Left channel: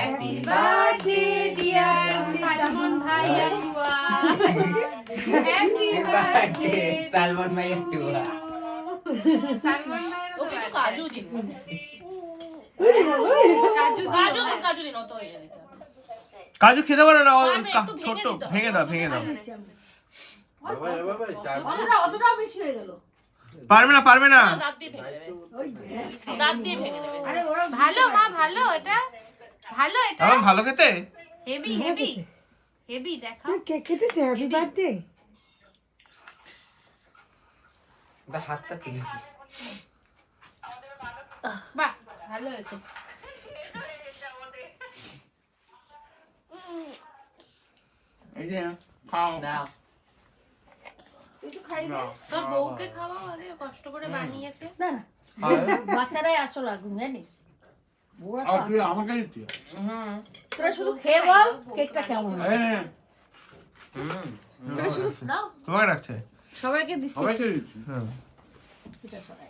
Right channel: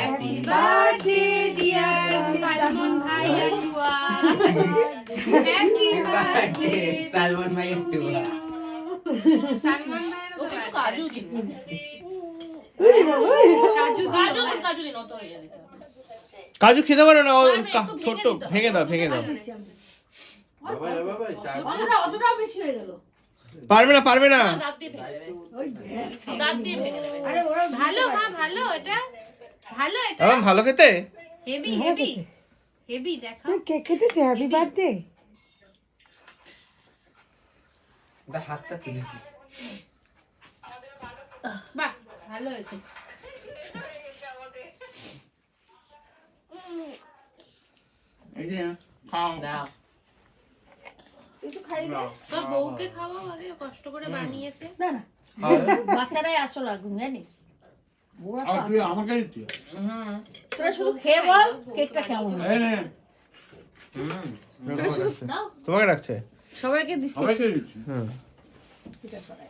Happy birthday dear Salman ভাইয়া টুয়া, happy birthday Salman ভাইয়া টুয়া। সালমান ভাইয়ের তো কাজু দিন কাজু কাজু দিন কাজু দিন অত হয়ে দিতে হবে। কাজু খেতে পারে না, ও পারবে, একটু ছোট্ট ভেঙে দিতে ভেঙে দাও। অতটাও বেশি হয়ে গেল। পারবে না। দাঁত দিয়ে ভেঙে দেবে, দাঁত দিয়ে ভেঙে দেবে। আরে ভালো মা, ভালো এটা, ভালো এটা, আমার ভালো খেতে। Heavy heavy heavy. দেখো কেক খেতেছে হ্যাপি বার্থডে। হাতটা তুলেছি। বাহ ভালো হয়েছে। এই যে খাও। দাও। তোর বউকে খাওয়াও আগে, কষ্ট করে বানিয়েছে। না না, বাচ্চারাই আসল আগুন জানিস। বুড়া তো তুই আমাকে দিচ্ছি। তোরা শুধু খেয়ে বল কেকটা কেমন হয়েছে। তোরা শুধু দাও, তোমাকে রাখছে। সবাইকে দিচ্ছি। সবাইকে দিচ্ছি। ঠিক আছে, সবাই।